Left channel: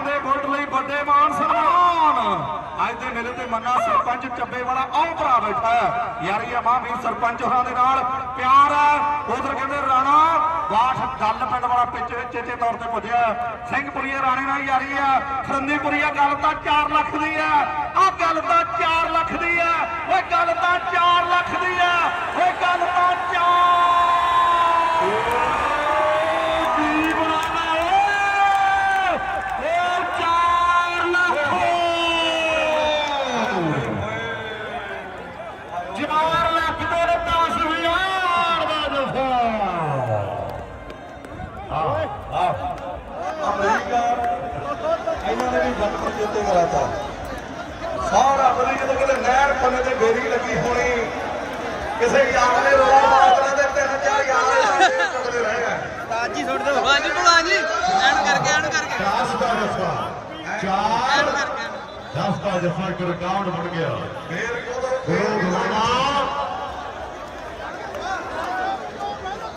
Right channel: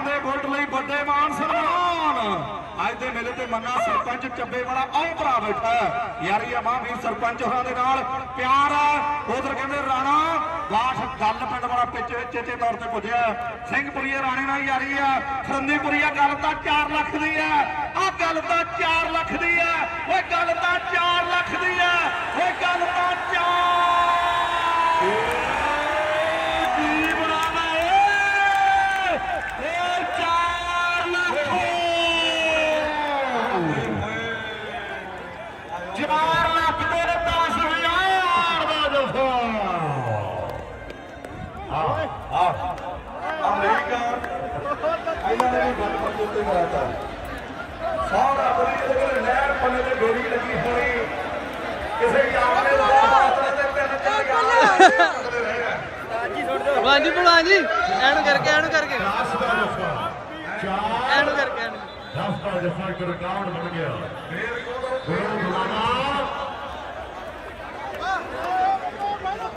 ਕਹਿੰਦੇ ਬੁਲਟ ਲਈ ਵੱਡੇ ਮਾਨ ਸਨਮਾਨ। ਅੱਜ ਦੇ ਮੇਲੇ ਤੇ ਮੰਨਾ ਸਰਪੰਚ ਚੱਬੇ ਵਾਲਾ ਆਹ ਭਰਾ ਬੈਠਾ ਹੈ। ਯਾਰੀ ਆ ਮਹਾਂਵੀਰ ਸਰਪੰਚ ਹੋਰਾਂ ਦੇ ਨਾਲ। ਪਿਆਰ ਹੈ। ਉਧਰ ਕਹਿੰਦੇ ਰਾਣਾ, ਬਾਠ ਗੱਲ ਪਿੰਡ ਵਾਲਾ ਪਿੱਛੇ ਚੇਚੇ ਤੌਰ ਤੇ ਪੁੱਜਿਆ ਸਿੰਘਪੁਰੀਏ ਰਾਣੇ ਨਾਲ ਯਾਰੀ ਆ ਖਰੰਦੀਪੁਰੀਆ ਗੱਲ ਤਾਂ 4 ਲੱਖ ਦੀ ਆ ਆਹ ਗੱਲ ਤਾਂ 4 ਲੱਖ ਦੀ ਆ ਓਏ ਗੱਲ ਤਾਂ 4 ਲੱਖ ਦੀ ਆ ਓਏ ਗੱਲ ਤਾਂ 4 ਕੀ ਬਣਾਣਾ ਓਏ ਓਏ 4 ਲੱਖ 4 ਲੱਖ ਦੇ 10000 ਦਾ ਜਫਾ ਅਮਰੀਕਾ ਇਹਨਾਂ ਨੇ ਵੀ ਬਚਪਨ ਦੇ ਉੱਤੇ ਮਰਾਤਾ ਸਾਰਾ ਬਰੀ ਜਦੋਂ ਕਿਤੇ ਨਹਿਰ ਕੰਨੇ ਤੇ ਬੇਰੀ ਲੱਗੀ ਹੋਣੀ। ਕਿਸੇ ਯਾਰ ਨੇ ਰੋਲਾ ਮਾਰਨਾ ਤੇ ਤਿੰਨ ਚਾਰ ਯਾਰ ਕਰਦੇ ਰਹੇ ਆ। ਹਾਂਜੀ ਭਲਵਾਨ ਜੀ। ਐਨ ਕਰਕੇ ਐਨ ਕਰਕੇ। रास्ता जैसा कर डाउन बन गया